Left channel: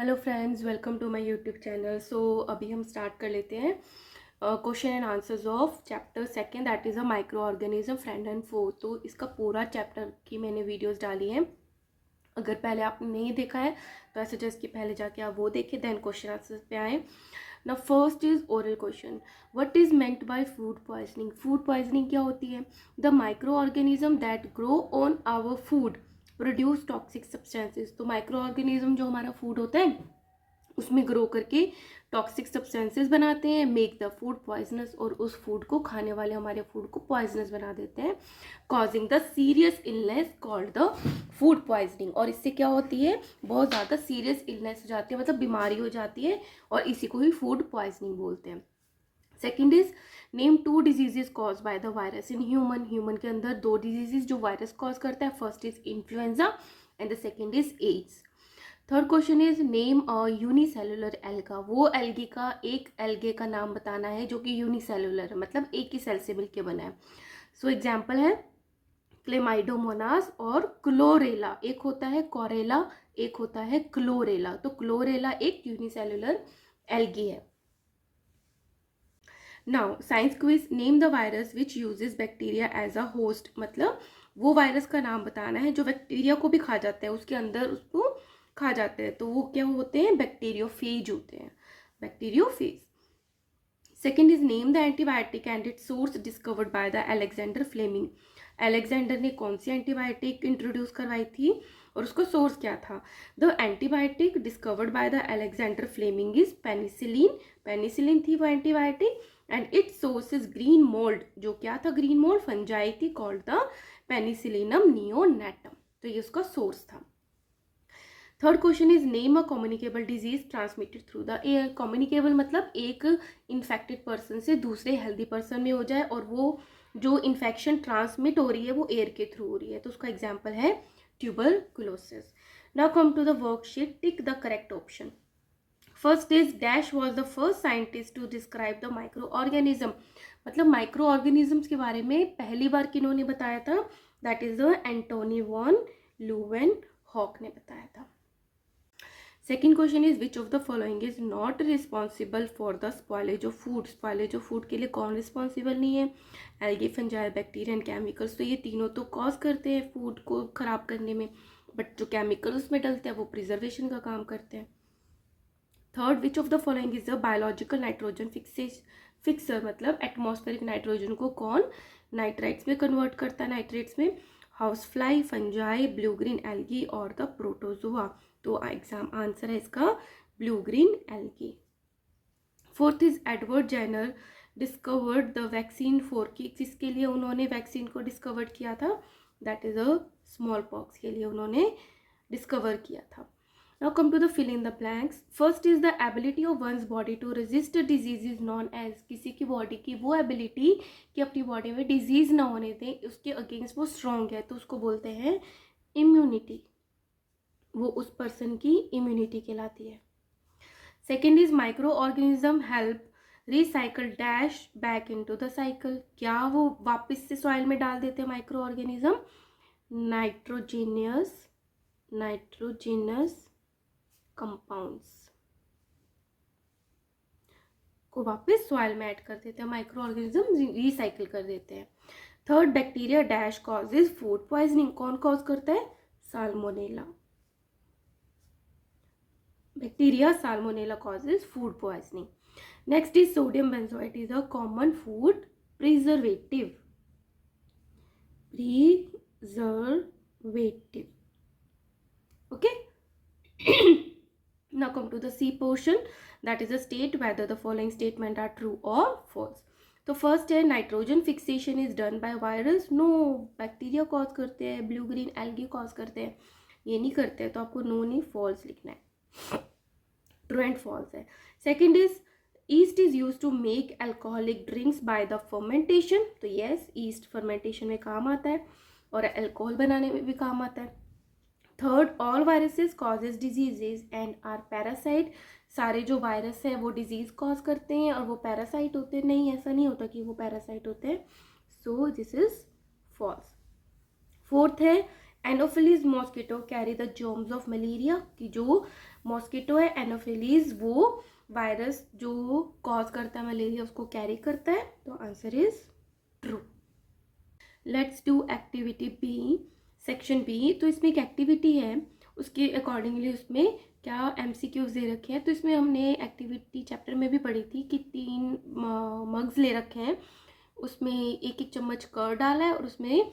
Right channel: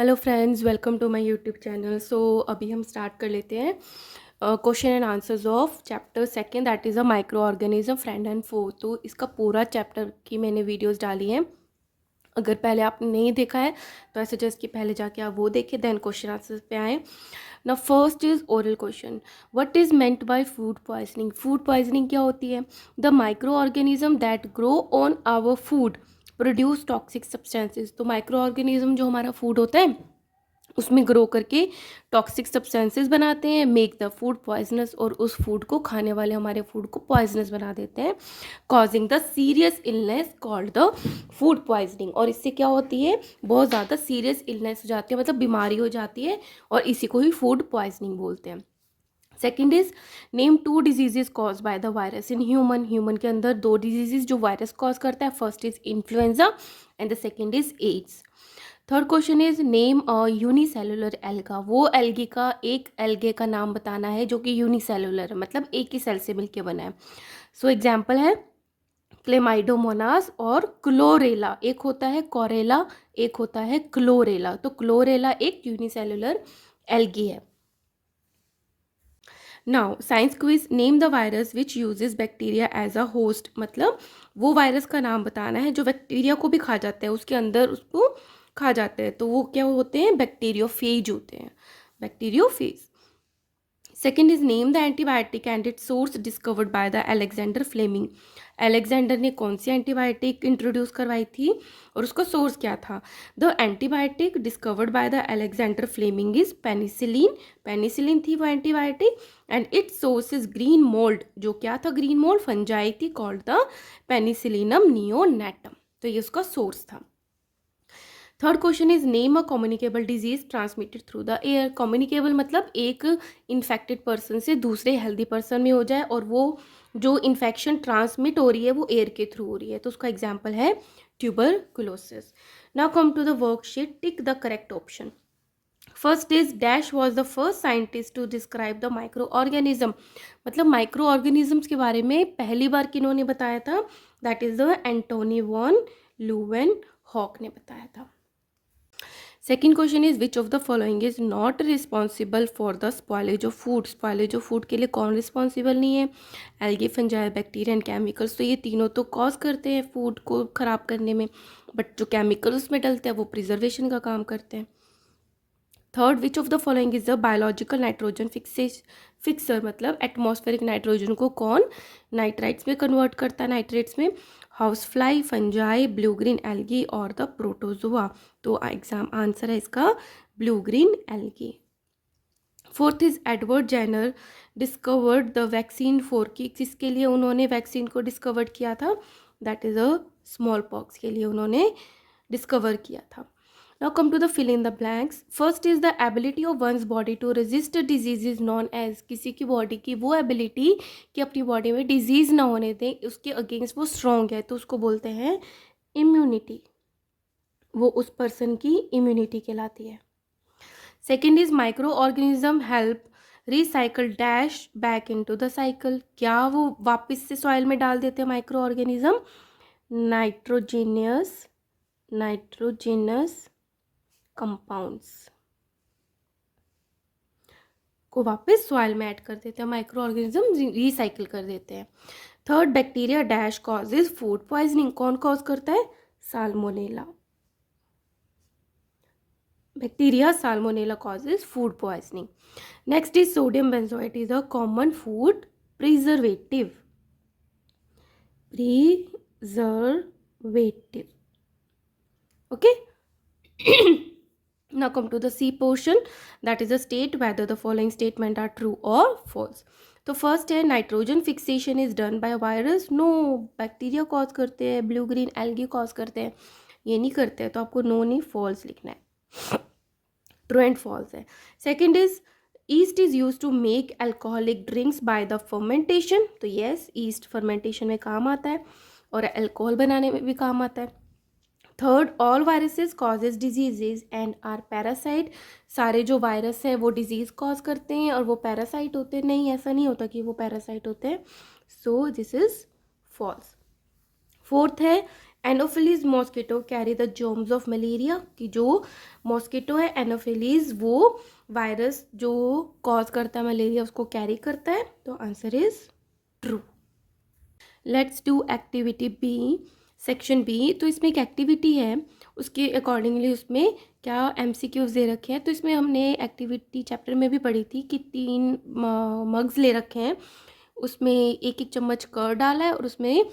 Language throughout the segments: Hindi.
Hello friends, welcome to my YouTube channel. अभी हम स्टार्ट कर लेते हैं question and answers of chapter second, that is a micro organism friend and foe. तो इसका पूरा चैप्टर की मैंने वीडियोस डाली हैं। अगर पहले आपने नहीं देखा है तो आई सजेस्ट कि पहले जाके आप वो देखें, देन क्वेश्चन आंसर्स पे आए। ना first is oral question, what is meant by food poisoning. Food poisoning क्या होती है? The micro organism that grow on our food produce toxic substances. तो माइक्रो ऑर्गेनिज्म जो हमारा फूड होता है उसमें ग्रो करके टॉक्सिक सब्सटेंसेस बनाते हैं, मेक द फूड पॉइजनस, और उस फूड को खाने वाले हमारे फूड को पॉइजनस बना देते हैं, causing the serious illness called the food poisoning. और इससे क्या होती है? बहुत ज़्यादा सीरियस इलनेस हो जाती है, मतलब बीमारी हो जाती है, और इसी को ही फूड पॉइजनिंग बोलते हैं। Second is name two diseases cause by the virus in human. Human के अंदर दो डिजीजेज जो वायरस कॉज करता है, first is influenza and the second is AIDS. Third question is name unicellular alga. वो एल्गी का, एक एल्गे का नाम बताना है जो कि यूनिसेलुलर है, मतलब एक ही सेल से मिलकर बना है। सो एग्जाम्पल है क्लेमाइडोमोनास और क्लोरेला। एक होता है कोरेला, एक होता है क्लोरेला। तो क्लोरेला एक यूनिसेलुलर एल्गी है। Now science quiz, name the virus which uses bacteria as a host. मतलब वो वायरस का नाम बताना है जो बैक्टीरिया को भी खा जाते हैं, उसके अंदर उसको खा जाते हैं। तो वो क्या होते हैं? बैक्टीरियोफेज होते हैं, bacteriophage. Second is name the antibiotic and its source discovered by the Alexander Fleming. Alexander ने कौन सी एंटीबायोटिक इंट्रोड्यूस करवाई थी और उसका सोर्स क्या था? The antibiotic discovered by the Alexander Fleming is penicillin. Penicillin थी वो antibiotic, and its source is green mould. जो क्या था? ग्रीन मोल्ड, फंजाई थी, कॉल्ड द पेनिसिलिनम नियोनेटम। तो ये उसका सोर्स था। Third question is name a communicable disease transmitted through the air. Communicable मतलब एक इन्फेक्टेड पर्सन से दूसरे हेल्दी पर्सन में हो जाए, और वो जो इन्फेक्शन ट्रांसमिट हो रही है वो एयर के थ्रू हो रही है। तो उसका एग्जाम्पल है tuberculosis. Now come to the worksheet, tick the correct option. First is dash was the first scientist to describe the micro organism. मतलब माइक्रो ऑर्गेनिजम्स के बारे में पहली बार किन्होंने बताया था? That is the Antonie van Leeuwenhoek ने बताया था। Second question is which of the following is not responsible for the spoilage of food. Spoilage of food के लिए कौन रिस्पॉन्सिबल नहीं है? Algae, fungi, bacteria and chemicals. तो ये तीनों तो कॉज करते हैं फूड को खराब करने में, बट जो केमिकल उसमें डलते हैं वो प्रिजर्वेशन का काम करते हैं। Third, which of the following is the biological nitrogen fixer. मतलब एटमॉस्फेरिक नाइट्रोजन को कौन नाइट्राइट्स में कन्वर्ट करता है, नाइट्रेट्स में? House fly, fungi, blue green algae और द प्रोटोजोआ। तो एग्जाम आंसर है इसका blue green algae. Fourth is Edward Jenner discovered the vaccine for की। किसके लिए उन्होंने वैक्सीन को डिस्कवर किया था? That is a smallpox के लिए उन्होंने डिस्कवर किया था। Now come to the fill in the blanks. First is the ability of one's body to resist a disease is known as। किसी की बॉडी की वो एबिलिटी कि अपनी बॉडी में डिजीज ना होने दे, उसके अगेंस्ट वो स्ट्रॉन्ग है, तो उसको बोलते हैं इम्यूनिटी। वो उस पर्सन की इम्यूनिटी कहलाती है। Second is micro organism help recycle dash back into the cycle. क्या वो वापस से सॉइल में डाल देते हैं माइक्रो ऑर्गेनिज्म? नाइट्रोजीनियस कंपाउंड्स को वापस सॉइल में ऐड कर देते हैं, माइक्रो ऑर्गेनिज्म रिसाइकिल कर देते हैं। Third, bacteria dash causes food poisoning. कौन कॉज करता है? Salmonella. Bacteria salmonella causes food poisoning. Next is sodium benzoate is a common food preservative. Okay. Now come to the C portion, that is a state whether the following statement are true or false. तो फर्स्ट है nitrogen fixation is done by virus. No, bacteria cause करते हैं, ब्लू ग्रीन एल्गी कॉज करते हैं, ये नहीं करते हैं। तो आपको नो नहीं, फॉल्स लिखना है। ट्रू एंड फॉल्स है। Second is yeast is use to make alcoholic drinks by the fermentation. तो येस, ईस्ट फर्मेंटेशन में काम आता है और अल्कोहल बनाने में भी काम आता है। Third, all viruses causes diseases and are parasite. सारे जो वायरस है वो डिजीज कॉज करते हैं और वो पैरासाइट होते हैं। नहीं, ऐसा नहीं होता कि वो पैरासाइट होते हैं। So this is false. Fourth है anopheles mosquito carry the germs of malaria, कि जो मॉस्किटो है एनोफिलीज वो वायरस जो कॉज करता है मलेरिया उसको कैरी करता है, तो answer is true. Let's do activity B, section B. तो इसमें एक एक्टिविटी है, उसके अकॉर्डिंगली उसमें क्या एमसीक्यूज दे रखे हैं। तो इसमें हमने एक्टिविटी चैप्टर में भी पढ़ी थी कि 3 मग्स ले रखे हैं, उसमें एक एक चम्मच कर्ड डाला है और उसमें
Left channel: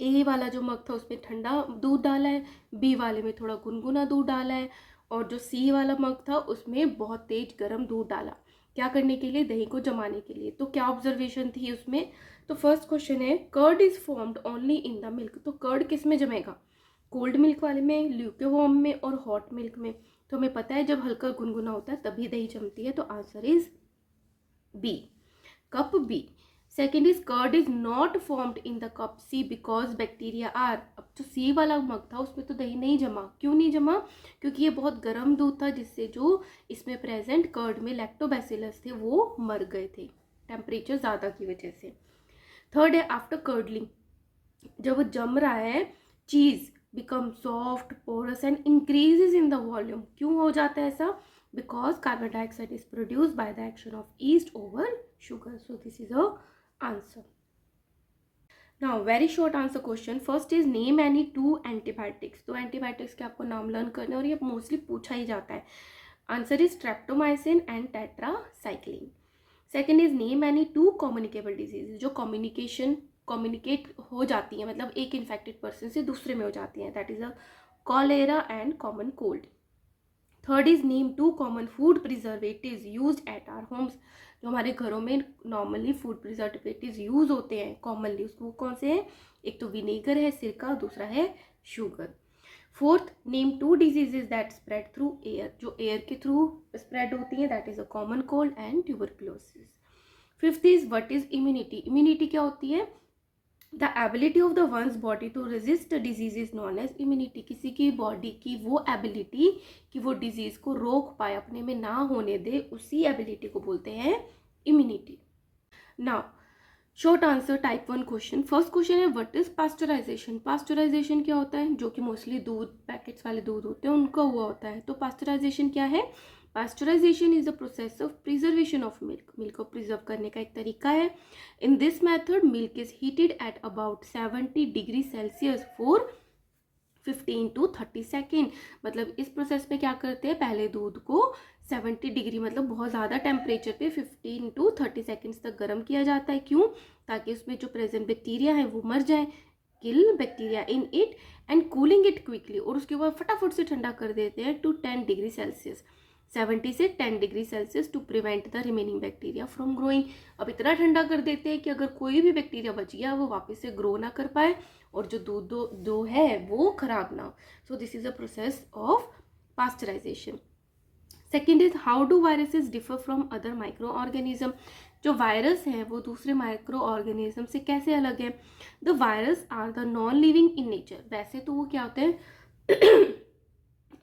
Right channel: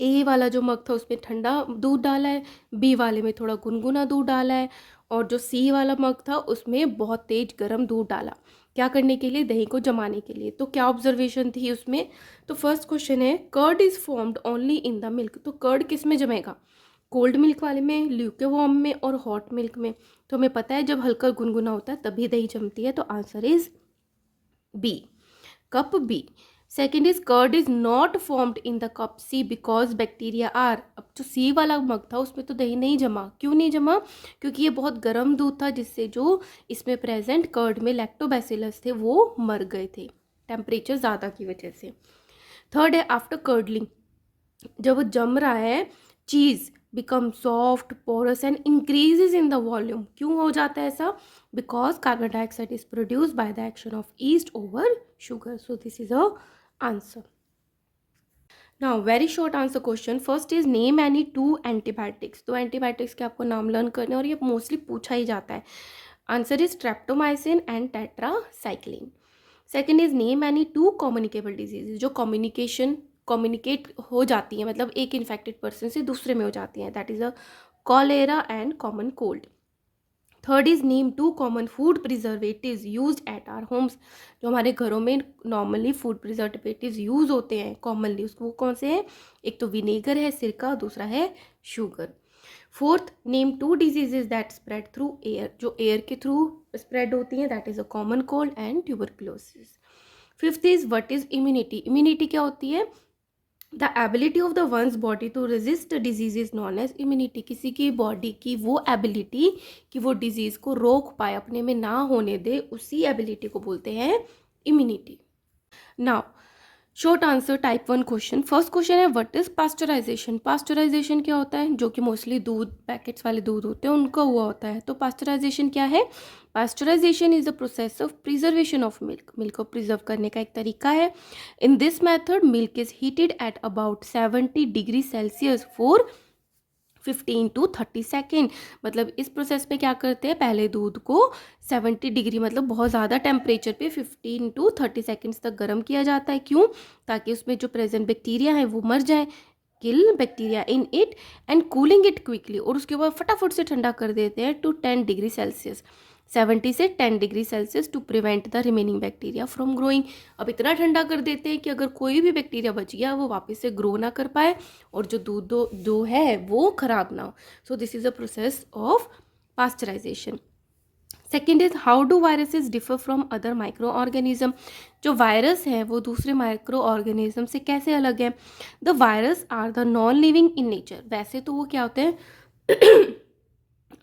ए वाला जो मग था उसमें ठंडा दूध डाला है, बी वाले में थोड़ा गुनगुना दूध डाला है, और जो सी वाला मग था उसमें बहुत तेज गर्म दूध डाला। क्या करने के लिए? दही को जमाने के लिए। तो क्या ऑब्जर्वेशन थी उसमें? तो फर्स्ट क्वेश्चन है curd is formed only in the milk. तो कर्ड किस में जमेगा? कोल्ड मिल्क वाले में, ल्यूकेवार्म में और हॉट मिल्क में। तो हमें पता है जब हल्का गुनगुना होता है तभी दही जमती है, तो answer is B, cup B. Second is curd is not formed in the cup C because bacteria are. अब जो सी वाला मग था उसमें तो दही नहीं जमा। क्यों नहीं जमा? क्योंकि ये बहुत गर्म दूध था जिससे जो इसमें प्रेजेंट कर्ड में लैक्टोबैसिलस थे वो मर गए थे टेम्परेचर ज़्यादा की वजह से। थर्ड है आफ्टर कर्डलिंग, जब जम रहा है cheese become soft porous and increases in the volume. क्यों हो जाता है ऐसा? Because carbon dioxide is produced by the action of yeast over sugar. So this is a answer. Now very short answer question. First is name any 2 antibiotics. तो एंटीबायोटिक्स के आपको नाम लर्न करने और ये मोस्टली पूछा ही जाता है। Answer is streptomycin and tetracycline. Second is name any 2 communicable disease, जो कम्युनिकेट हो जाती है, मतलब एक इन्फेक्टेड पर्सन से दूसरे में हो जाती है, that is a cholera and common cold. Third is name 2 common food preservatives use at our homes. जो हमारे घरों में नॉर्मली फूड प्रिजर्वेटिव्स यूज होते हैं कॉमनली, उसको कौन से हैं? एक तो विनेगर है, सिरका, दूसरा है sugar. Fourth, name 2 diseases that spread through air, जो एयर के थ्रू स्प्रेड होती हैं, that is a common cold and tuberculosis. Fifth is what is immunity. Immunity क्या होती है? The ability of the ones body to resist disease is known as immunity. किसी की बॉडी की वो एबिलिटी कि वो डिजीज को रोक पाए, अपने में ना होने दे, उसी एबिलिटी को बोलते हैं immunity. Now short answer type 1 question. First question है व्हाट इज पास्चराइजेशन। पास्चराइजेशन क्या होता है? जो कि मोस्टली दूध, पैकेट्स वाले दूध होते हैं उनका हुआ होता है। तो पास्चराइजेशन क्या है? Pasteurization is the process of preservation of milk. Milk को प्रिजर्व करने का एक तरीका है। In this method milk is heated at about 70 degree Celsius for 15 to 30 second. मतलब इस प्रोसेस में क्या करते हैं, पहले दूध को 70 डिग्री मतलब बहुत ज़्यादा टेम्परेचर पे 15 to 30 सेकेंड्स तक गर्म किया जाता है। क्यों? ताकि उसमें जो प्रेजेंट बैक्टीरिया है वो मर जाए, kill bacteria in it and cooling it quickly. और उसके बाद फटाफट से ठंडा कर देते हैं टू 10 डिग्री सेल्सियस, 70 से 10 degree Celsius to prevent the remaining bacteria from growing. अब इतना ठंडा कर देते हैं कि अगर कोई भी बैक्टीरिया बच गया वो वापस से ग्रो ना कर पाए और जो दूध जो है वो खराब ना हो। So this is a process of pasteurization. Second is how do viruses differ from other micro organism. जो वायरस हैं वो दूसरे माइक्रो ऑर्गेनिज्म से कैसे अलग है? The virus are the non living in nature. वैसे तो वो क्या होते हैं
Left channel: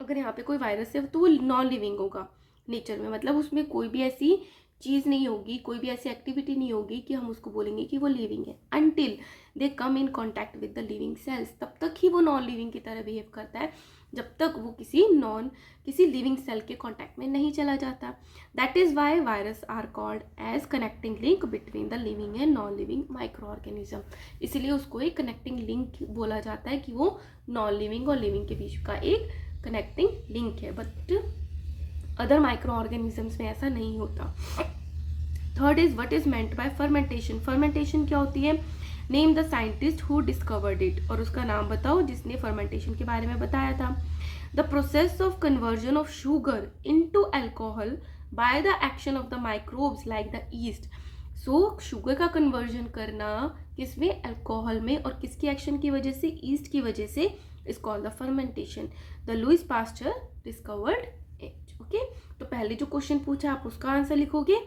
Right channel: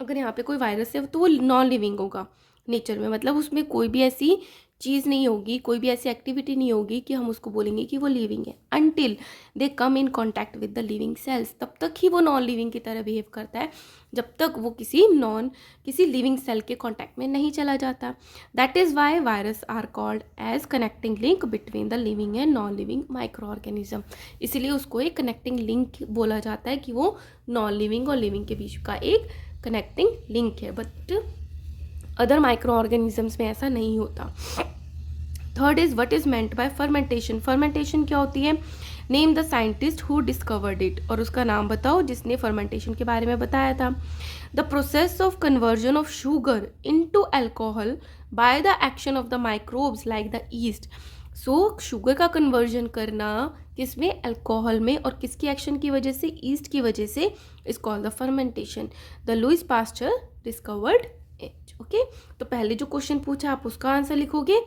अगर यहाँ पे कोई वायरस है तो वो नॉन लिविंग होगा नेचर में, मतलब उसमें कोई भी ऐसी चीज़ नहीं होगी, कोई भी ऐसी एक्टिविटी नहीं होगी कि हम उसको बोलेंगे कि वो लिविंग है। Until they come in contact with the living cells, तब तक ही वो नॉन लिविंग की तरह बिहेव करता है, जब तक वो किसी लिविंग सेल के कॉन्टैक्ट में नहीं चला जाता। That is why virus are called as connecting link between the living and non living micro organism. इसलिए उसको एक कनेक्टिंग लिंक बोला जाता है कि वो नॉन लिविंग और लिविंग के बीच का एक कनेक्टिंग लिंक है, बट अदर माइक्रो ऑर्गेनिजम्स में ऐसा नहीं होता। Third is what is meant bye fermentation. Fermentation क्या होती है? Name the scientist who discovered it, और उसका नाम बताओ जिसने फर्मेंटेशन के बारे में बताया था। The process of conversion of sugar into alcohol bye the action of the microbes like the east. So sugar का कन्वर्जन करना किसमें? अल्कोहल में, और किसकी एक्शन की वजह से? ईस्ट की वजह से, is called the fermentation. The Louis Pasteur discovered it. Okay, तो पहले जो क्वेश्चन पूछा आप उसका आंसर लिखोगे,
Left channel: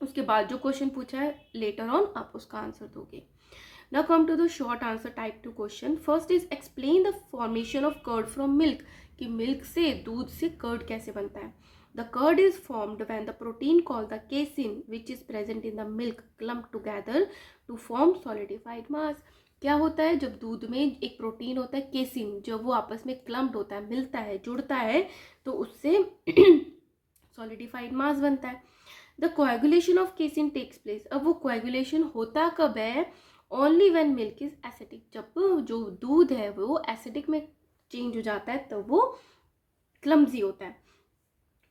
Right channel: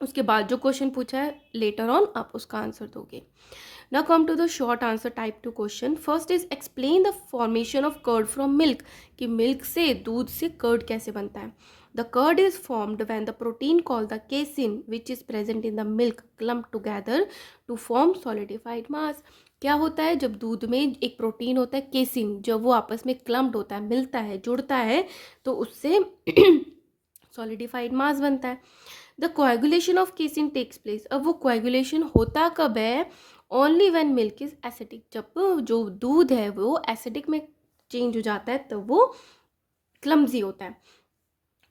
उसके बाद जो क्वेश्चन पूछा है लेटर ऑन आप उसका आंसर दोगे। Now come to the short answer type 2 question. First is explain the formation of curd from milk, कि मिल्क से, दूध से कर्ड कैसे बनता है। The curd is formed when the protein called the casein which is present in the milk clump together to form solidified mass. क्या होता है, जब दूध में एक प्रोटीन होता है केसिन, जब वो आपस में क्लम्प्ड होता है, मिलता है, जुड़ता है, तो उससे सॉलिडिफाइड मास बनता है। The coagulation of casein takes place. अब वो कोएगुलेशन होता कब है? Only when milk is acidic. जब जो दूध है वो एसिडिक में चेंज हो जाता है तब तो वो क्लम्जी होता है।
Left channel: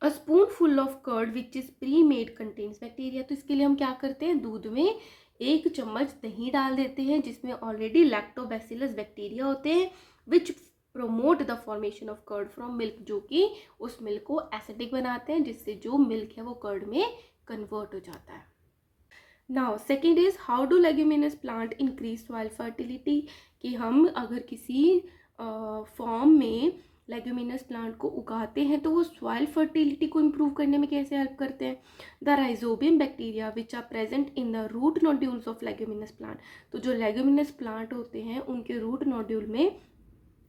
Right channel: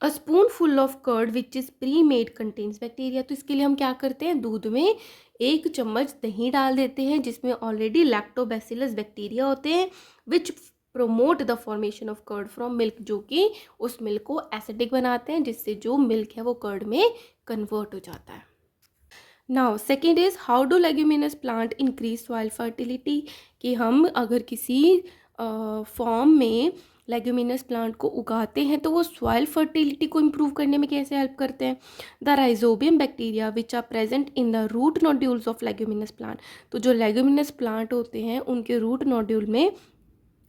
A spoonful of curd which is pre made contains bacteria. तो इसके लिए हम क्या करते हैं, दूध में 1 चम्मच दही डाल देते हैं जिसमें ऑलरेडी लैक्टोबैसिलस बैक्टीरिया होते हैं which promote the formation of curd from milk, जो कि उस मिल्क को एसिडिक बनाते हैं जिससे जो मिल्क है वो कर्ड में कन्वर्ट हो जाता है। Now second is how do leguminous plant increase soil fertility. कि हम अगर किसी फॉर्म में लेग्यूमिनस प्लांट को उगाते हैं तो वो सॉइल फर्टिलिटी को इम्प्रूव करने में कैसे हेल्प करते हैं। The Rhizobium bacteria which are present in the root nodules of leguminous plant. तो जो लेग्यूमिनस प्लांट होते हैं उनके रूट नोड्यूल में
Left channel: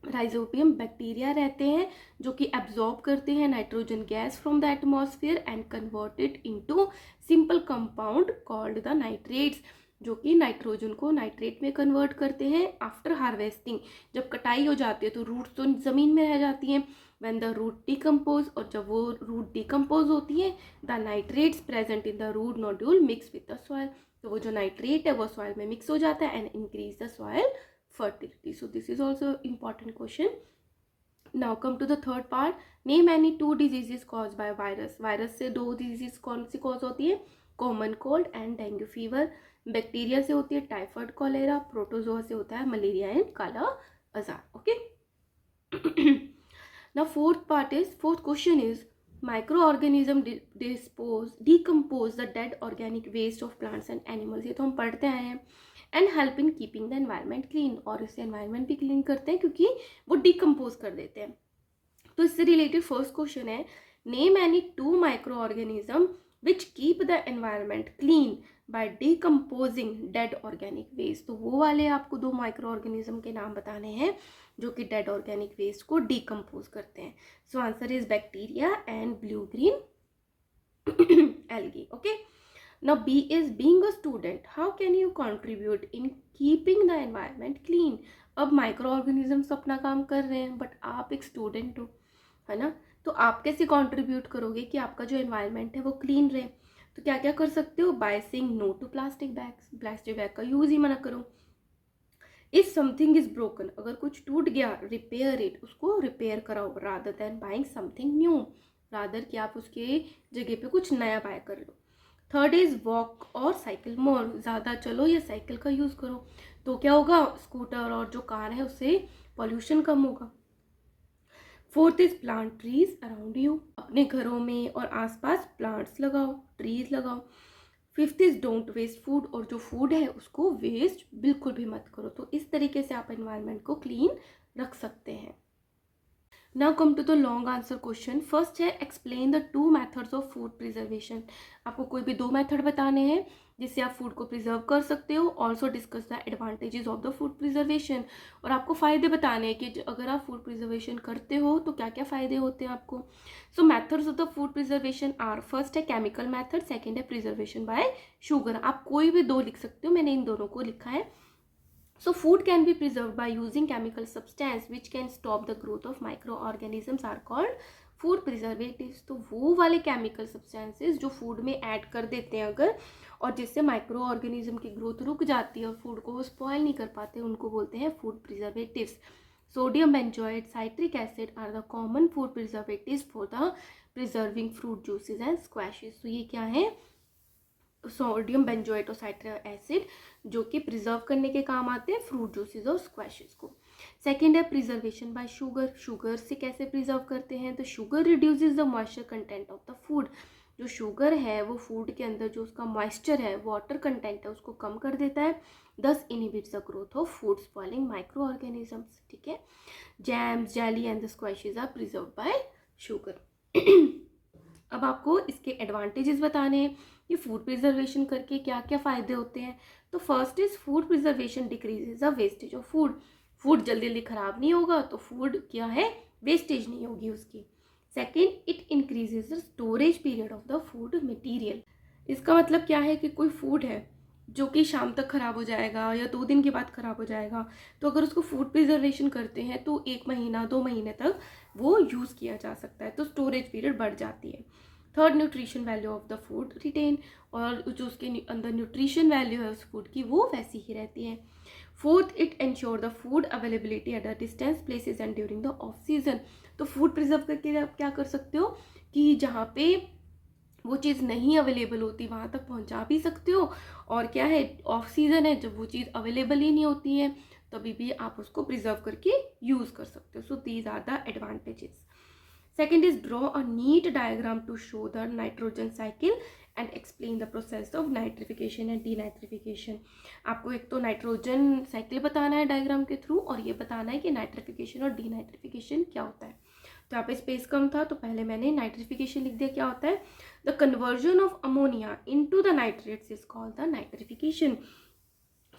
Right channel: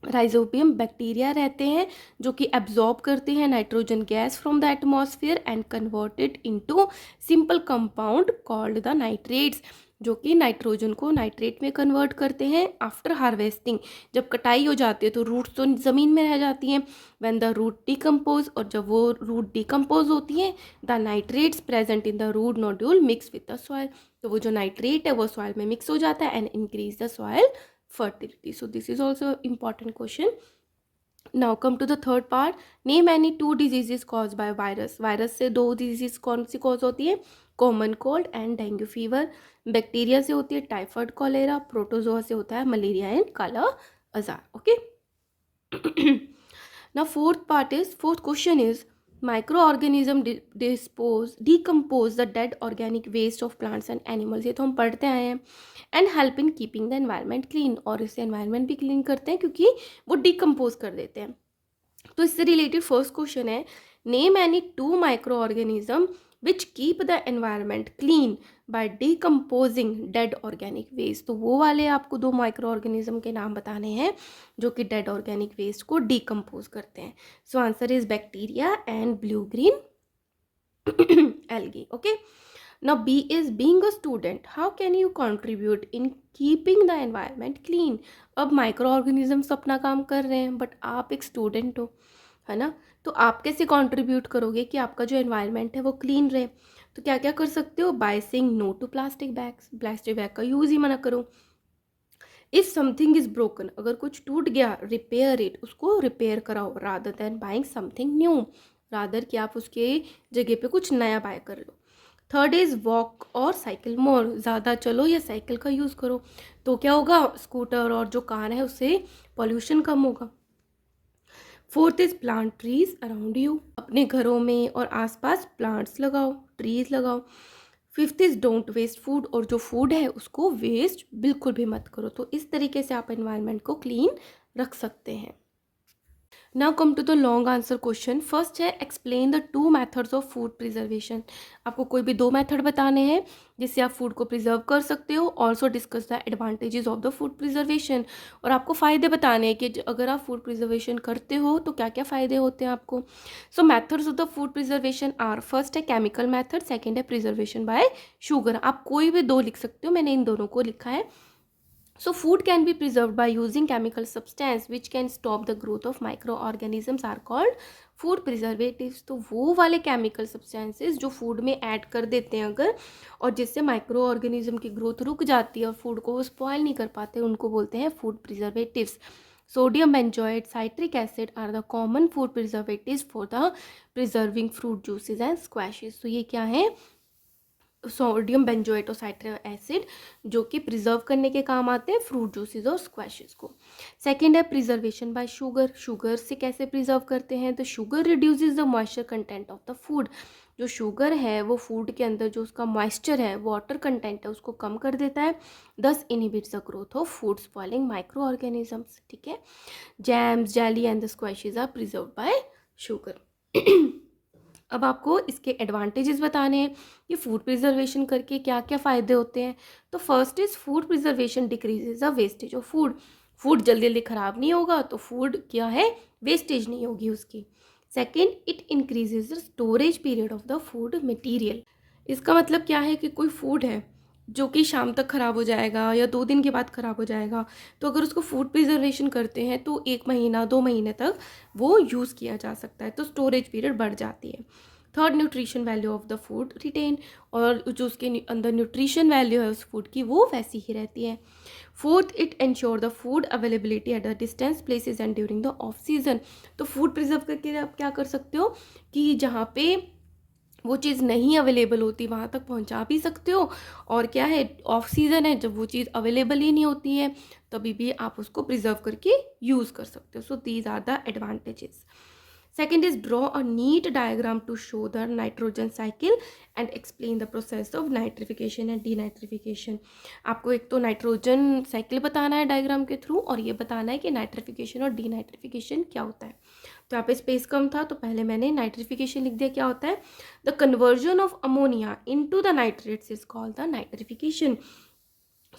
राइजोबियम बैक्टीरिया रहते हैं जो कि एब्जॉर्ब करते हैं nitrogen gas from the atmosphere and convert it into simple compound called the nitrates, जो कि नाइट्रोजन को नाइट्रेट में कन्वर्ट करते हैं आफ्टर हार्वेस्टिंग। जब कटाई हो जाती है तो रूट्स तो ज़मीन में रह जाती हैं। व्हेन द रूट डिकम्पोज, और जब वो रूट डिकम्पोज होती हैं, the nitrates present in the root nodule mix with the soil. तो वो जो नाइट्रेट है वो सॉइल में मिक्स हो जाता है and increase the soil fertility. So this is also important question. Now come to the third part. Name any 2 diseases caused by virus. virus से 2 disease कौन सी cause होती है? Common cold and dengue fever. Bacteria से होती है टाइफाइड कॉलेरा। प्रोटोजोआ से होता है मलेरिया एंड काला अजार। Okay. Now fourth question is microorganism decompose the dead organic waste of plants and animals। ये तो हम पढ़ते आए हैं। And help in keeping the environment clean, और इससे एनवायरनमेंट भी क्लीन करते हैं क्योंकि वो डिकम्पोज कर देते हैं। तो इससे रिलेटेड फर्स्ट क्वेश्चन है, name any 2 micro organism which keep the environment clean by decomposing dead organic waste. तो वो वाले आपको 2 माइक्रो ऑर्गेनिज्म के नाम बताने हैं जो कि डेड ऑर्गेनिक वेस्ट को डिकम्पोज करते हैं। So answer is bacteria and blue green algae. Okay. Now B is being a student. How can you contribute in keeping the environment clean? अब माइक्रो ऑर्गेनिजम्स अपना काम कर रहे हैं बट आप एक स्टूडेंट हो, है ना, तो आप कैसे कंट्रीब्यूट करोगे कि आपका जो एनवायरनमेंट है वो क्लीन रहे। तो क्या क्या कर सकते हो? By saying no to plastic bags, plastic bag का यूज़ ही मना करो। इफ़ समथिंग इज़ ब्रोकन, अगर कुछ टूट गया, रिपेयर इट, उसको रिपेयर कराओ rather than buying something new, rather कि आप उसके जगह पे कुछ नया बाय कर लो। थर्ड इज़ वॉक और साइकिल मोर, ज़्यादा चलो या साइकिल का यूज़ करो, तो क्या होगा, स्कूटर और जो कार है उससे पॉल्यूशन कम होगा। Fourth is plant trees around you, अपने घरों में और आसपास प्लांट्स लगाओ, ट्रीज लगाओ। Fifth is don't waste food, और जो फूड है उसको वेस्ट बिल्कुल भी मत करो। तो इस तरीके से आप एनवायरनमेंट को क्लीन रख सकते हैं। Now come to the long answer question. First है explain the 2 methods of food preservation. आपको कोई भी 2 मेथड बताने हैं जिससे आप फूड को प्रिजर्व कर सकते हो। Also discuss the advantages of the food preservation, और आपको फ़ायदे बताने हैं कि अगर आप फूड प्रिजर्वेशन करते हो तो क्या क्या फ़ायदे होते हैं आपको। So methods of the food preservation are, first है केमिकल मेथड, सेकेंड है प्रिजर्वेशन बाय शुगर। आप कोई भी 2 लिख सकते हो, मैंने इन दोनों को लिखा है। So food can be preserved by using chemical substance which can stop the growth of microorganisms are called food preservatives। तो वो वाले chemical substances जो food में add कर देते हैं अगर, और जिससे माइक्रो ऑर्गेनिज्म की ग्रोथ रुक जाती है और फूड को वो स्पॉयल नहीं कर पाते, उनको बोलते हैं food preservatives. Sodium benzoate, citric acid are the common food preservatives for the preserving fruit juices and squashes. तो ये क्या है, सोडियम बेंजोएट और साइट्रिक एसिड जो कि प्रिजर्व करने के काम आते हैं फ्रूट जूसेस और स्क्वैशेस को। सेकेंड है प्रिजर्वेशन बाय शुगर। शुगर से कैसे प्रिजर्व करते हैं, तो sugar reduces the moisture content of the food. जो शुगर है वो फूड के अंदर जो उसका मॉइस्चर है, वाटर कंटेंट है, उसको कम कर देता है, thus inhibits the growth of food spoiling micro organisms. ठीक है। Jams, jelly and the squashes are preserve by sugar. अब आपको इसके एडवांटेजेस बताने हैं कि फूड प्रिजर्वेशन करके क्या क्या फ़ायदे होते हैं। तो first is food preservation decreases the wastage of food. Food जल्दी जल्दी ख़राब नहीं होगा तो फूड क्या है, वेस्टेज नहीं होगी उसकी। Second, it increases the storage period of the food material. इसका मतलब क्या है कि कोई फूड है जो कि शाम तक ख़राब हो जाएगा या 2 दिन के बाद ख़राब हो जाएगा। तो अगर उसको फूड प्रिजर्वेशन करते हैं तो 1 महीना 2 महीने तक वो यूज़ किया जा सकता है, तो स्टोरेज पीरियड बढ़ जाती है। Third, nutrition value of the food retain, और जो उसके अंदर न्यूट्रिशन वैल्यू है उस फूड की वो वैसी ही रहती है। Fourth, it ensure the food availability at the distance places and during the off season. तो फूड प्रिजर्व करके आप क्या कर सकते हो कि जहाँ पे वो चीज़ नहीं अवेलेबल होती वहाँ तक पहुँचा भी सकते हो, और क्या है, ऑफ सीज़न है जब वो चीज़ अवेलेबल ही नहीं होती है तभी भी आप उसको प्रिजर्व करके यूज़ कर सकते हो। So these are the advantages. Second is draw a neat diagram to show the nitrogen cycle and explain the process of nitrification and denitrification. आपको एक तो नाइट्रोजन साइकिल बताना है डायग्राम के थ्रू, और ये बताना है कि नाइट्रिफिकेशन और डीनाइट्रिफिकेशन क्या होता है। तो यहाँ पे स्पेस कम था तो पहले मैंने नाइट्रिफिकेशन लिख दिया। क्या होता है? The conversion of ammonia into the nitrates is called the nitrification.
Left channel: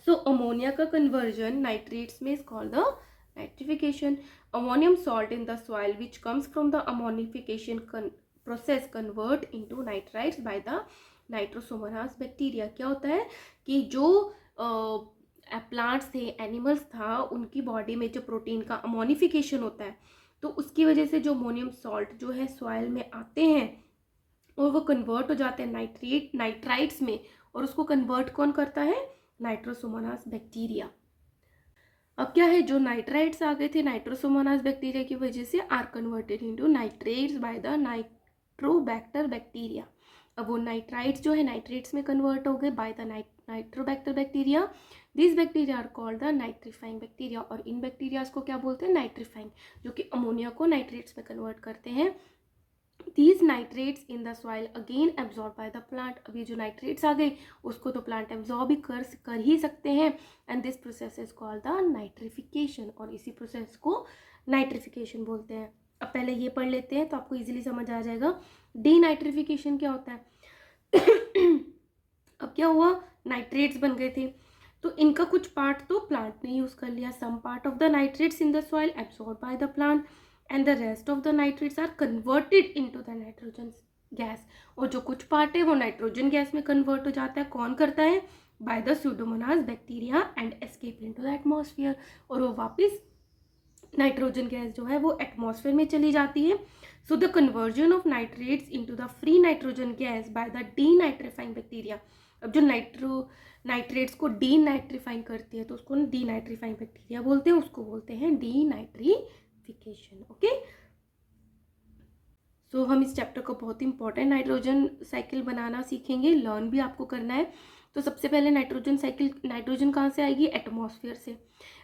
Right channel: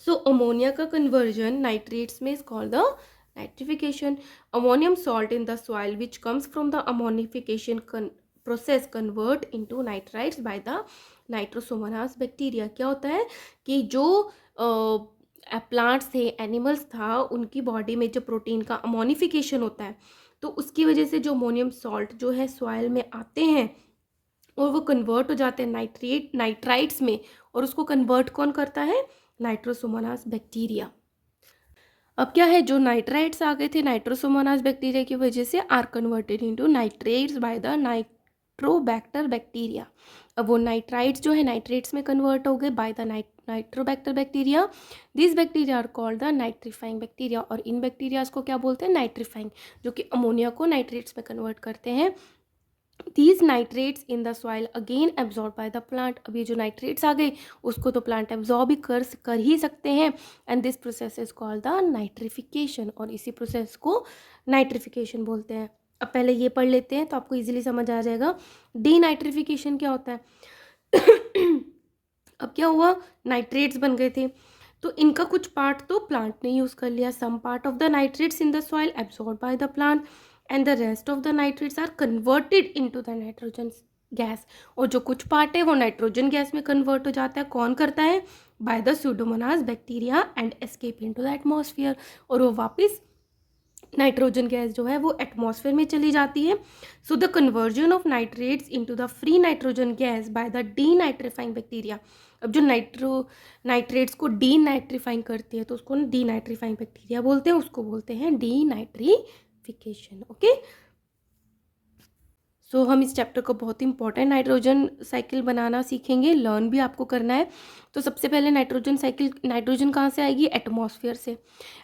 So ammonia का कन्वर्जन नाइट्रेट्स में is called the nitrification. Ammonium salt in the soil which comes from the ammonification process convert into nitrites by the nitrosomonas bacteria. क्या होता है कि जो प्लांट्स थे, एनिमल्स था, उनकी बॉडी में जो प्रोटीन का अमोनिफिकेशन होता है तो उसकी वजह से जो अमोनियम सॉल्ट जो है सॉइल में आते हैं और वो कन्वर्ट हो जाते हैं नाइट्राइट्स में, और उसको कन्वर्ट कौन करता है? Nitrosomonas bacteria. अब क्या है, जो नाइट्राइट्स आ गए थे नाइट्रोसोमोनास बैक्टीरिया की वजह से are converted into nitrates by the Nitrobacter bacteria. अब वो नाइट्राइट्स जो है नाइट्रेट्स में कन्वर्ट हो गए by the Nitrobacter bacteria. This bacteria are called the nitrifying bacteria, और इन बैक्टीरियाज को क्या बोलते हैं? नाइट्रीफाइंग, जो कि अमोनिया को नाइट्रेट्स में कन्वर्ट करते हैं। These nitrates in the soil again absorbed by the plant. अब ये जो nitrates आ गए उसको तो plant absorb ही कर ही सकते हैं, and this process is called the nitrification, और इसी process को nitrification बोलते हैं। अब पहले ये पढ़ लेते हैं तो आपको easily समझ आ जाएगा डीनाइट्रिफिकेशन क्या होता है। अब क्या हुआ, नाइट्रेट्स बन गए थे तो इनका कुछ पार्ट तो प्लांट ने यूज़ कर लिया। Some part of the nitrates in the soil absorb by the plant and the rest of the nitrates are converted into the nitrogen gas, और जो कुछ पार्ट है वो नाइट्रोजन गैस में कन्वर्ट हो जाता है। कौन करता है? By the Pseudomonas bacteria and escape into the atmosphere, और वो वापस नाइट्रोजन गैस जो है वो एटमॉस्फेयर में चली जाती है। So the conversion of nitrates into the free nitrogen gas by the denitrifying bacteria. अब जो नाइट्रेट्स को डीनाइट्रीफाइंग करती है तो उसको डीनाइट्रीफाइंग बैक्टीरिया बोलते हैं, उसको बोलते हैं डीनाइट्रीफिकेशन। ओके, सो हम इस चैप्टर को बहुत इंपॉर्टेंट नाइट्रोजन साइकिल बनाना सीखेंगे, लर्न भी आपको करना है। तो सबसे पहले नाइट्रोजन साइकिल, नाइट्रोजन कहाँ से आएगी? एटमॉस्फेयर से।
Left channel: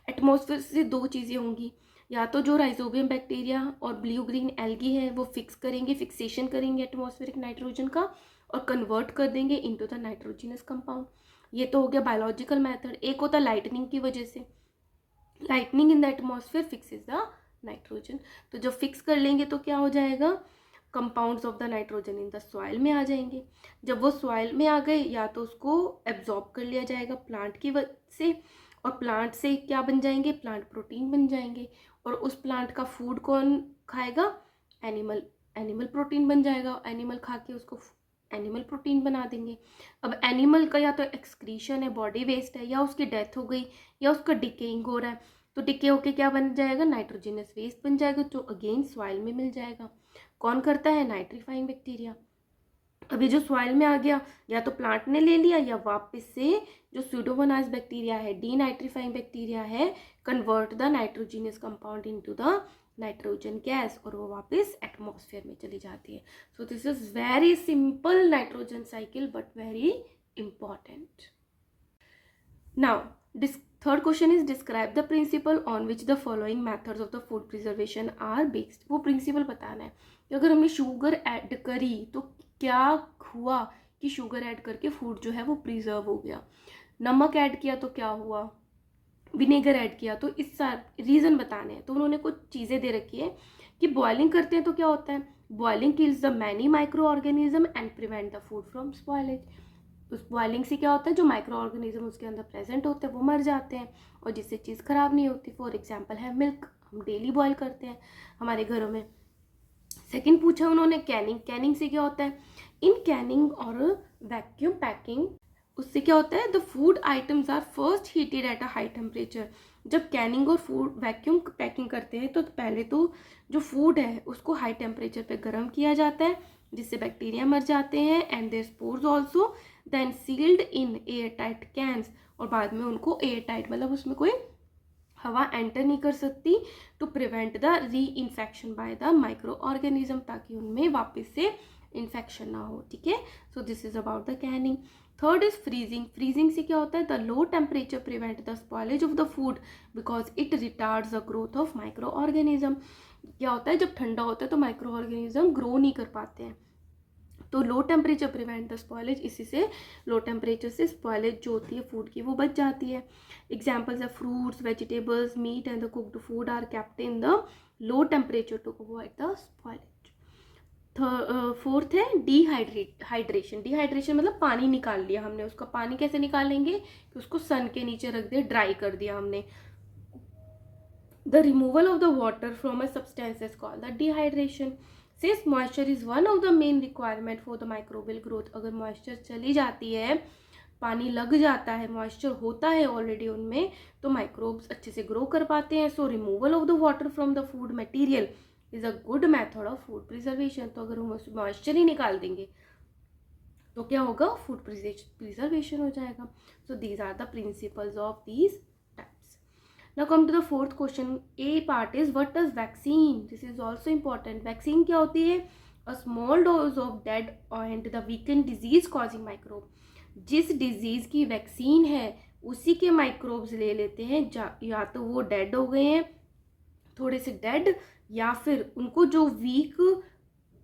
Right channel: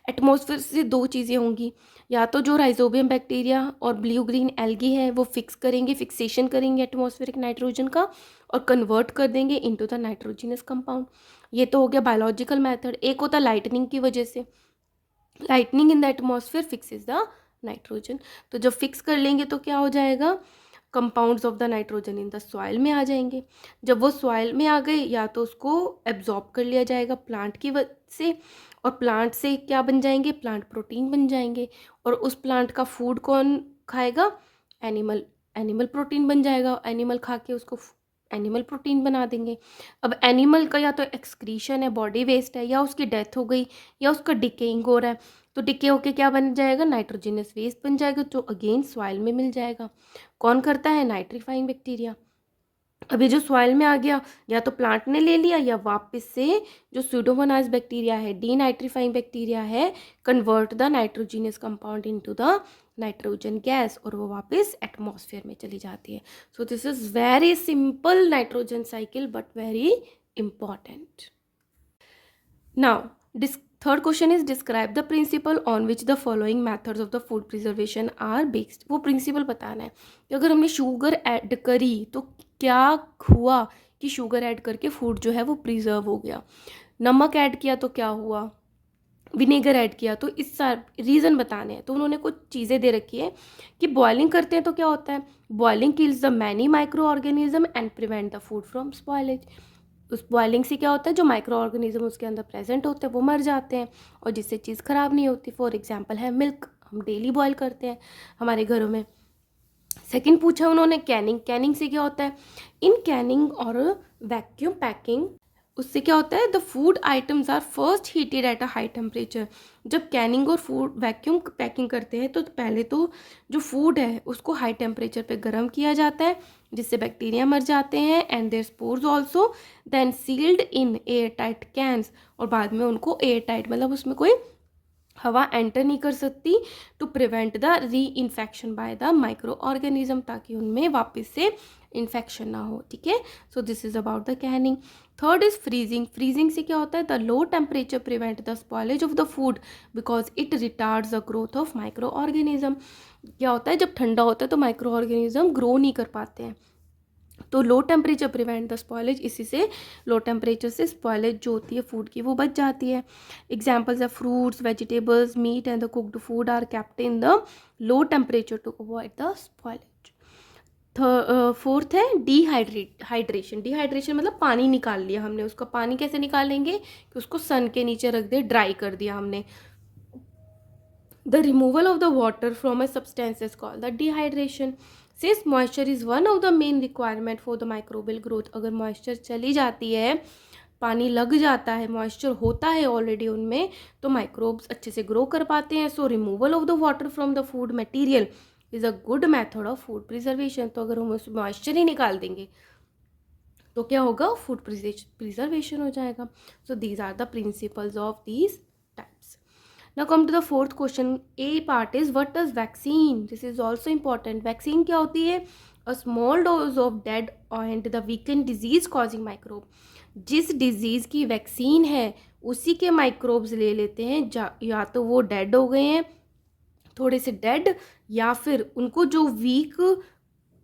एटमॉस्फेयर से दो चीज़ें होंगी, या तो जो राइजोबियम बैक्टीरिया और ब्लू ग्रीन एल्गी है वो फिक्सेशन करेंगे एटमॉस्फेरिक नाइट्रोजन का और कन्वर्ट कर देंगे इनटू द नाइट्रोजिनस कंपाउंड। ये तो हो गया बायोलॉजिकल मेथड। एक होता है लाइटनिंग की वजह से, lightning in the atmosphere fixes the nitrogen. तो जब फिक्स कर लेंगे तो क्या हो जाएगा? Compounds of the nitrogen in the soil में आ जाएंगे। जब वो सॉइल में आ गए या तो उसको एब्जॉर्ब कर लिया जाएगा प्लांट की वजह से, और प्लांट से क्या बन जाएंगे? प्लांट प्रोटीन बन जाएंगे, और उस प्लांट का फूड कौन खाएगा? एनिमल प्रोटीन बन जाएगा। एनिमल खा के उसको एनिमल प्रोटीन बना देंगे। अब एनिमल का या तो एक्सक्रीशन है, बॉडी वेस्ट है, या उसकी डेथ हो गई, या उसका डिकेइंग हो रहा है, तो डिके होके क्या बन जाएगा? नाइट्रोजिनस वेस्ट बन जाएगा, जो अगेन सॉइल में मिल जाएगा। कौन करता है? Nitrifying bacteria. अभी जो सॉइल में आ गया या तो प्लांट ने ले लिया, या वापस से जो स्यूडोमोनास बैक्टीरिया है, डीनाइट्रीफाइंग बैक्टीरिया है, convert the nitrogenous compound into the nitrogen gas, और वो वापस एटमॉस्फेयर में चली जाती है। So this is very simple nitrogen cycle but very important. Now third question is describe the principle on which the following methods of the food preservation are based. वो प्रिंसिपल बताना है कि अगर हमने शुगर ऐड करी तो क्या हुआ कि शुगर ऐड करके फूड जो है वो प्रिजर्व हो गया। नमक ऐड किया तो क्या हुआ, विनेगर ऐड किया, तो इस रीज़न बताने हैं। तो उन्होंने कुछ चीज़ें दे रखी है कि बॉइलिंग करते हैं तो क्या होता है? Boiling kills the many micro organism and prevent the food from spoilage. उस बॉइलिंग से क्या होता है? जो माइक्रो ऑर्गेनिज्म उसके अंदर प्रेजेंट होते हैं वो मर जाते हैं, और जिससे चीज़ ख़राब नहीं होती। फॉर एग्जाम्पल है मिल्क, हम डेली बॉयल करते हैं हमारे घरों में। सेकंड पूछा उन्होंने कैनिंग। कैनिंग से क्या होता है? इन कैनिंग और वैक्यूम पैकिंग उससे क्या होता है, the food items are first heated at a high temperature. जब कैनिंग और फूड वैक्यूम पैकिंग करते हैं तो पहले तो जो फूड है उसको हाई टेम्परेचर पे गर्म किया जाता है, जिससे बैक्टीरिया मर जाते हैं and their spores also, then sealed in airtight cans, और बाद में उनको एयर टाइट मतलब उसमें कोई हवा एंटर नहीं कर सकती, टू प्रिवेंट द री infection by the micro organism, ताकि उनमें वापस से इन्फेक्शन ना हो। ठीक है, so this is about the Canning. Third is freezing. Freezing से क्या होता है, the low temperature prevent the spoilage of the food because it retards the growth of micro organism. क्या होता है, जब ठंडा होता है तो माइक्रो ऑर्गेनिज्म ग्रो नहीं कर पाते हैं, तो low temperature prevent the spoilage, इसी से लो टेम्परेचर से स्पॉयलेज जो होती है फूड की वो बच जाती है। एग्जाम्पल्स है fruits, vegetables, meat and the cooked food are kept in the low temperature to avoid the spoilage. Fourth है हाइड्रेशन। डिहाइड्रेशन मतलब पानी निकाल लिया हमने, उसका पानी कैसे निकालेंगे कि उसको सन के नीचे रख दिया, ड्राई कर दिया हमने। The removal of the water from a substance is called the dehydration. Since moisture is one of the main requirement for the microbial growth, अगर मॉइस्चर चली जाती है, पानी लग जाता है, मॉइस्चर होता है ऑलरेडी उनमें, तो माइक्रोब्स अच्छे से ग्रो कर पाते हैं। सो removal of the water from the food material is a good method of food preservation. तो अगर हम उस मॉइस्चर ही निकाल देंगे तो क्या होगा, फूड प्रिजर्वेशन हो जाएगा। So these are the principles of these types. Now come to the fourth question. A part is what does vaccine? This is also important. Vaccine क्या होती है? A small dose of dead and the weakened disease causing microbe. जिस डिजीज की वैक्सीन है उसी के माइक्रोब्स ले लेते हैं, या तो वो डेड हो गए हैं, थोड़े से डेड, या फिर उनको जो वीक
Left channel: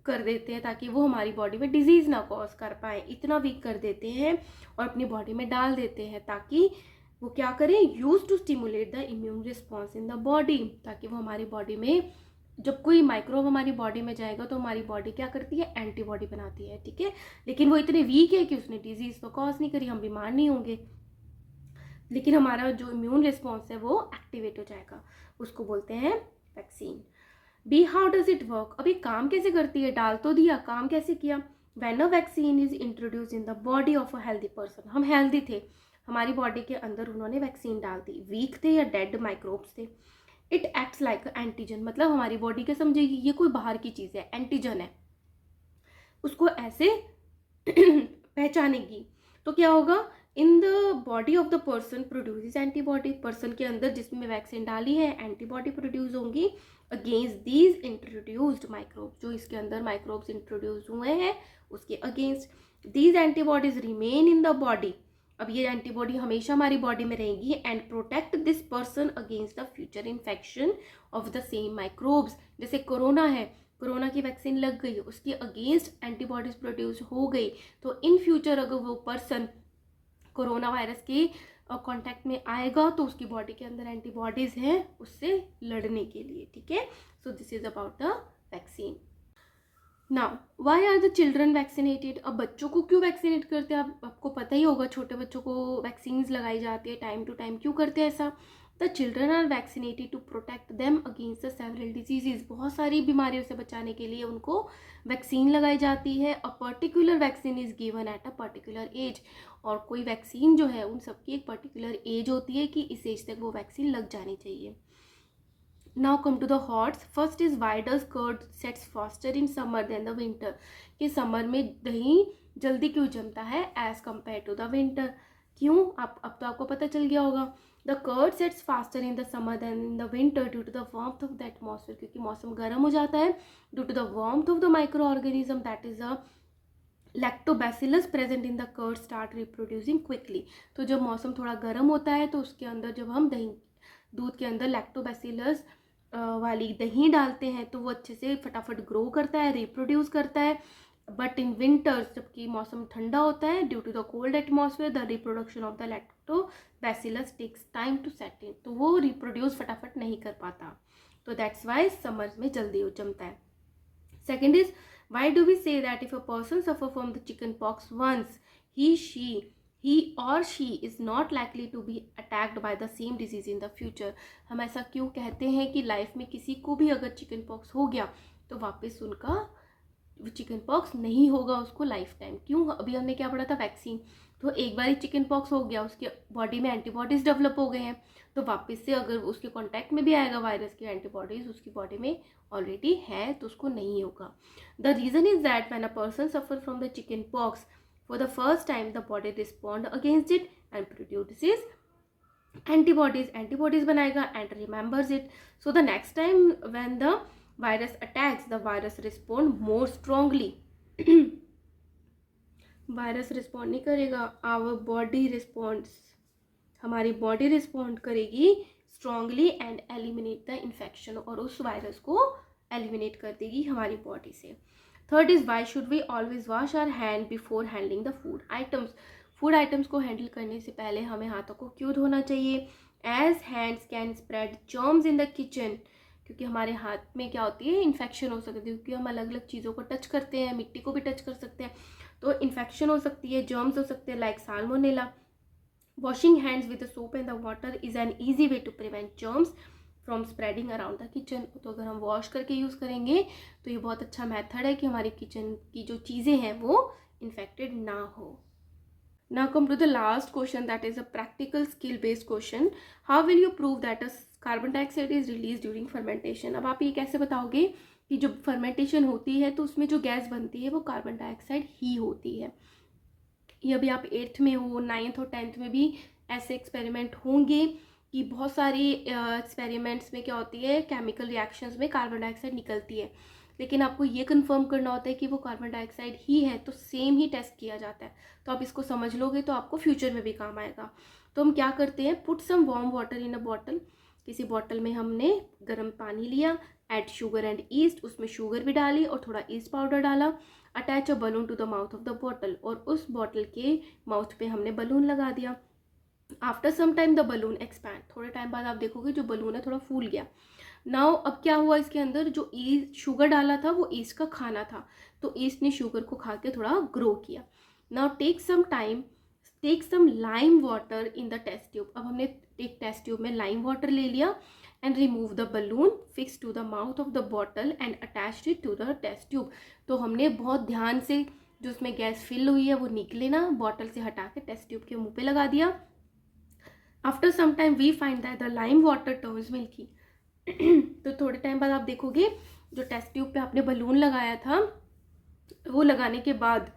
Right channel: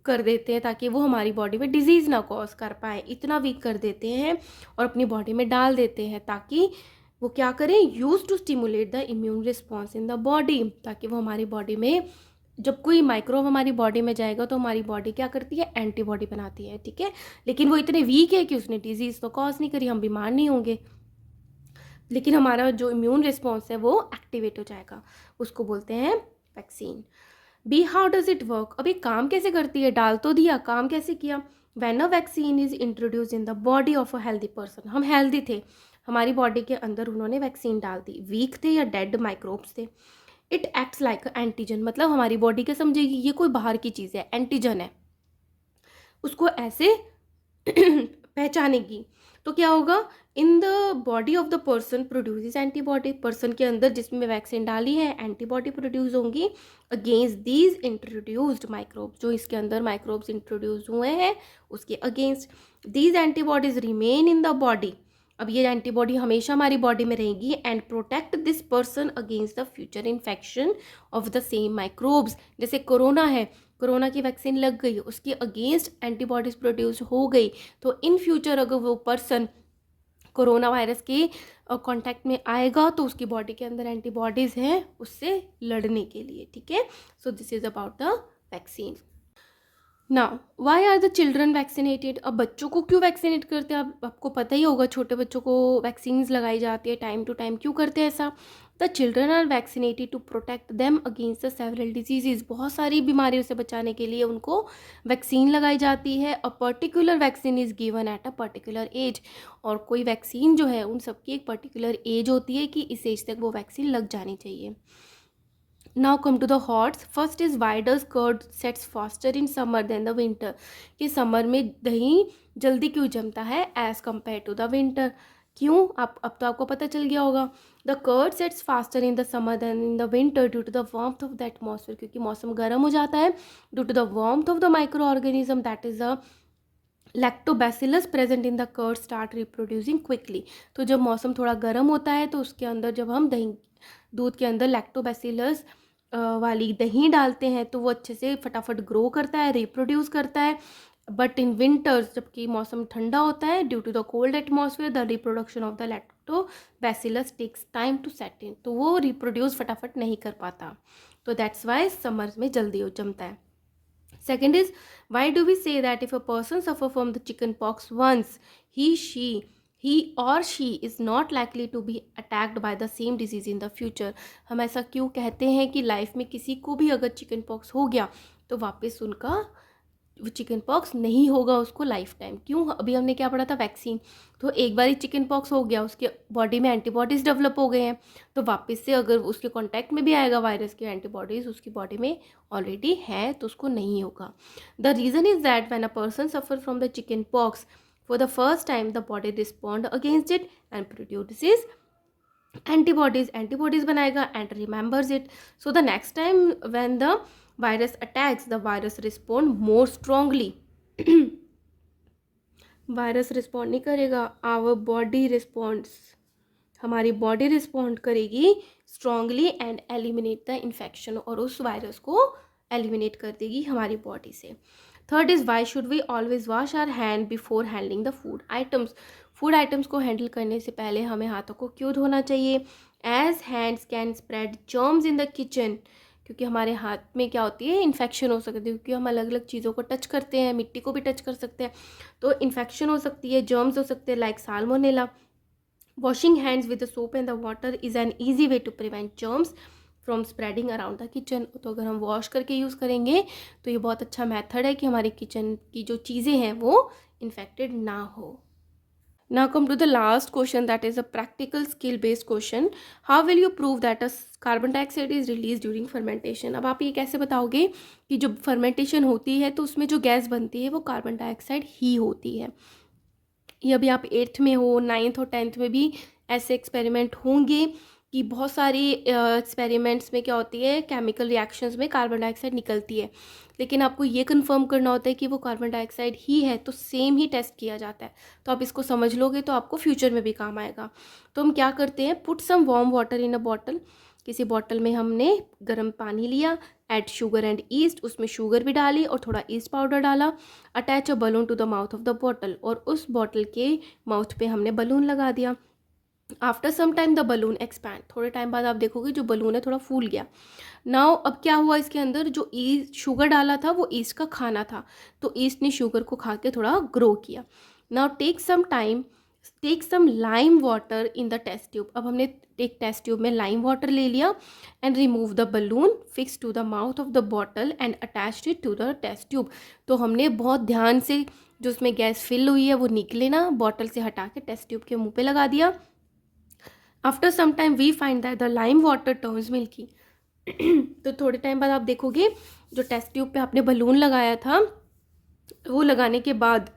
कर देते हैं ताकि वो हमारी बॉडी में डिजीज़ ना कॉज कर पाए, इतना वीक कर देते हैं और अपनी बॉडी में डाल देते हैं ताकि वो क्या करें, use to stimulate the immune response in the body, ताकि वो हमारी बॉडी में, जब कोई माइक्रोब हमारी बॉडी में जाएगा तो हमारी बॉडी क्या करती है, एंटीबॉडी बनाती है। ठीक है, लेकिन वो इतने वीक है कि उसने डिजीज़ तो कॉज नहीं करी, हम बीमार नहीं होंगे, लेकिन हमारा जो इम्यून रिस्पॉन्स है वो एक्टिवेट हो जाएगा, उसको बोलते हैं vaccine. B how does it work. अब ये काम कैसे करती है, डाल तो दिया, काम कैसे किया। When a vaccine is introduce in the body of a healthy person, हम हेल्दी थे, हमारी बॉडी के अंदर उन्होंने वैक्सीन डाल दी, वीक थे या डेड माइक्रोब्स थे, इट एक्ट्स लाइक एंटीजन, मतलब हमारी बॉडी क्या समझेगी, ये कोई बाहर की चीज़ है, एंटीजन है, उसको ऐसे पहचानेगी। तो क्या होगा, इन the body of the person produces antibody, person के अंदर जिसमें वैक्सीन डाली है एंटीबॉडी प्रोड्यूस होंगी अगेंस्ट दीज इंट्रोड्यूस्ड माइक्रोब्स, जो इसके अंदर माइक्रोब्स इंट्रोड्यूस हुए हैं उसके against. These antibodies remain in the body, अब ये एंटीबॉडी हमेशा हमारी बॉडी में रहेगी and protect this person against the future infection of the same microbes. जैसे कोरोना है, कोरोना की वैक्सीन लग गई, उसके अगेंस्ट एंटीबॉडीज प्रोड्यूस हो गई, तो इन फ्यूचर अगर वो पर्सन कोरोना वायरस के कांटेक्ट में आएगा तो उसकी बॉडी के अंदर एंटीबॉडीज़ हैं उससे लड़ने के लिए। ठीक है, so this is about the vaccine. Now why are the children vaccinated. अब बच्चों को क्यों वैक्सीनेट करते हैं, आपको पता ही होगा, छोटे बच्चों को वैक्सीन्स लगाई जाती है टाइम टू टाइम, क्यों करते हैं ऐसा। The children are vaccinated to protect them against the several diseases, बहुत सारी बीमारियों से बचाने के लिए उनको वैक्सीन लगाई जाती है। A particular vaccine is given at a particular age, और कोई वैक्सीन जो है उन सबकी एक पर्टिकुलर एज होती है कि इस एज तक वो वैक्सीन लग जानी चाहिए। Now come to the HOTS. First is why does curd sets faster in summer than the winter, कि समर में दही जल्दी क्यों जमता है as compare to the winter, क्यों, आप अब तो आपको पता चल गया होगा। The curd sets faster in the summer than in the winter due to the warmth of the atmosphere, क्योंकि मौसम गर्म हो जाता है due to the warmth of the micro organism that is a lactobacillus present in the curd start reproducing quickly. तो जब मौसम थोड़ा गर्म होता है तो उसके अंदर जब हम दही, दूध के अंदर लैक्टोबैसिलस वाली दही डालते हैं तो वो अच्छे से फटाफट ग्रो करता है, रिप्रोड्यूस करता है। बट इन विंटर्स जबकि मौसम ठंडा होता है, due to the cold atmosphere the reproduction of the lactobacillus takes time to set in, तो वो रिप्रोड्यूस फटाफट नहीं कर पाता, तो दैट्स वाई समर्स में जल्दी हो जमता है। Second is, why do we say that if a person suffer from the chicken pox once, he or she is not likely to be attacked by the same disease in the future? हम ऐसा क्यों कहते हैं कि लाइफ में किसी को भी अगर चिकन पॉक्स हो गया तो वापस उनका वो चिकन पॉक्स नहीं होगा उसको लाइफ टाइम। क्यों? अभी हमने क्या पढ़ा था, वैक्सीन। तो एक बार ही चिकन पॉक्स हो गया, उसके बॉडी में एंटीबॉडीज़ डेवलप हो गए हैं, तो वापस से अगर उसके कांटेक्ट में भी आएगा वायरस के एंटीबॉडीज़ उसकी बॉडी में ऑलरेडी है तो उसको नहीं होगा। The reason is that when a person suffer from the chicken pox for the first time the body respond against it and produces antibodies बनाएगा and remembers it. So the next time when the virus attacks, the virus respond more strongly. Virus respond नहीं करेगा, आवर बॉडी रिस्पॉन्ड्स, हमारी बॉडी रिस्पॉन्ड करेगी strongly and eliminate the infection, और उस वायरस को एलिमिनेट कर देगी हमारी बॉडी से। Third is why should we always wash our hand before handling the food items. Food items को हैंडल करने से पहले हमें हाथों को क्यों धोना चाहिए? As hands can spread germs in the kitchen, क्योंकि हमारे हाथ में क्या होती है, इन्फेक्शन हो सकती है, क्योंकि हम अलग अलग चीज़ों को टच करते हैं, मिट्टी को भी टच कर सकते हैं, तो इन्फेक्शन हो सकती है, जर्म्स हो सकते हैं like salmonella. Washing hands with the soap and the water is an easy way to prevent germs from spreading around the kitchen. तो अगर हम वॉश करके यूज़ करेंगे तो ये बहुत अच्छा मेथड है कि हमारी किचन की जो चीज़ें हैं वो इन्फेक्टेड ना हो। Now come to the last question, that is a practical skill based question. How will you prove that a carbon dioxide is released during fermentation? अब आप ये कैसे बताओगे कि जब फर्मेंटेशन होती है तो उसमें जो गैस बनती है वो कार्बन डाइऑक्साइड ही होती है? ये अभी आप 8th में हो, 9th और 10th में भी ऐसे एक्सपेरिमेंट होंगे कि बहुत सारी एक्सपेरिमेंट्स में क्या होती है, केमिकल रिएक्शंस में कार्बन डाइऑक्साइड निकलती है, लेकिन आपको ये कंफर्म करना होता है कि वो कार्बन डाइऑक्साइड ही है, तो सेम ही टेस्ट किया जाता है। तो आप इसको समझ लोगे तो आपको फ्यूचर में भी काम आएगा। तो हम क्या करते हैं, put some warm water in a bottle, किसी बॉटल में हमने गर्म पानी लिया, ऐड शुगर एंड ईस्ट, उसमें शुगर भी डाली और थोड़ा ईस्ट पाउडर डाला, attach a balloon to the mouth of the bottle, और उस बॉटल के माउथ पे हमने बलून लगा दिया। After some time the balloon expand, थोड़े टाइम बाद आप देखोगे जो बलून है थोड़ा फूल गया। नाउ अब क्या हुआ, इसके अंदर जो ईस्ट शुगर डाला था वो ईस्ट का खाना था, तो ईस्ट ने शुगर को खा के थोड़ा ग्रो किया। Now take some lime water in the test tube, अब हमने एक टेस्ट ट्यूब में लाइम वाटर ले लिया and remove the balloon fix to the mouth of the bottle and attached it to the test tube. तो हमने बहुत ध्यान से जो उसमें गैस फिल हुई है वो निकले ना, बॉटल से हटा के टेस्ट ट्यूब के मुँह पे लगा दिया। After some time we find that the lime water turns milky. तो थोड़े टाइम बाद आप देखोगे जो टेस्ट ट्यूब पे आपने बलून लगाया था वो लगाने के बाद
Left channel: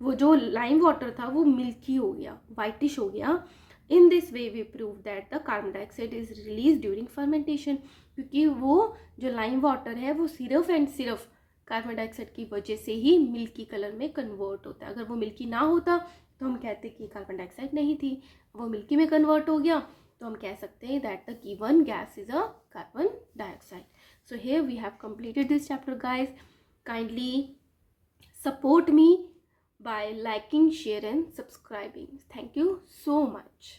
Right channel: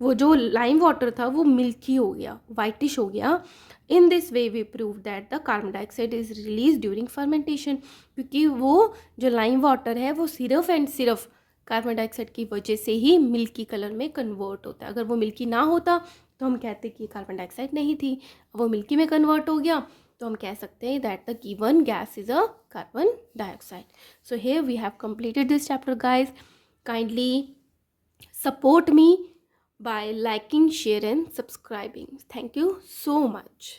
वो जो लाइम वाटर था वो मिल्की हो गया, वाइटिश हो गया। In this way we prove that the carbon dioxide is release during fermentation, क्योंकि वो जो लाइम वाटर है वो सिर्फ एंड सिर्फ कार्बन डाइऑक्साइड की वजह से ही मिल्की कलर में कन्वर्ट होता है। अगर वो मिल्की ना होता तो हम कहते कि कार्बन डाइऑक्साइड नहीं थी, वो मिल्की में कन्वर्ट हो गया, तो हम कह सकते हैं that the given gas is a carbon dioxide. So here we have completed this chapter guys. Kindly support me by liking, share and subscribing. Thank you so much.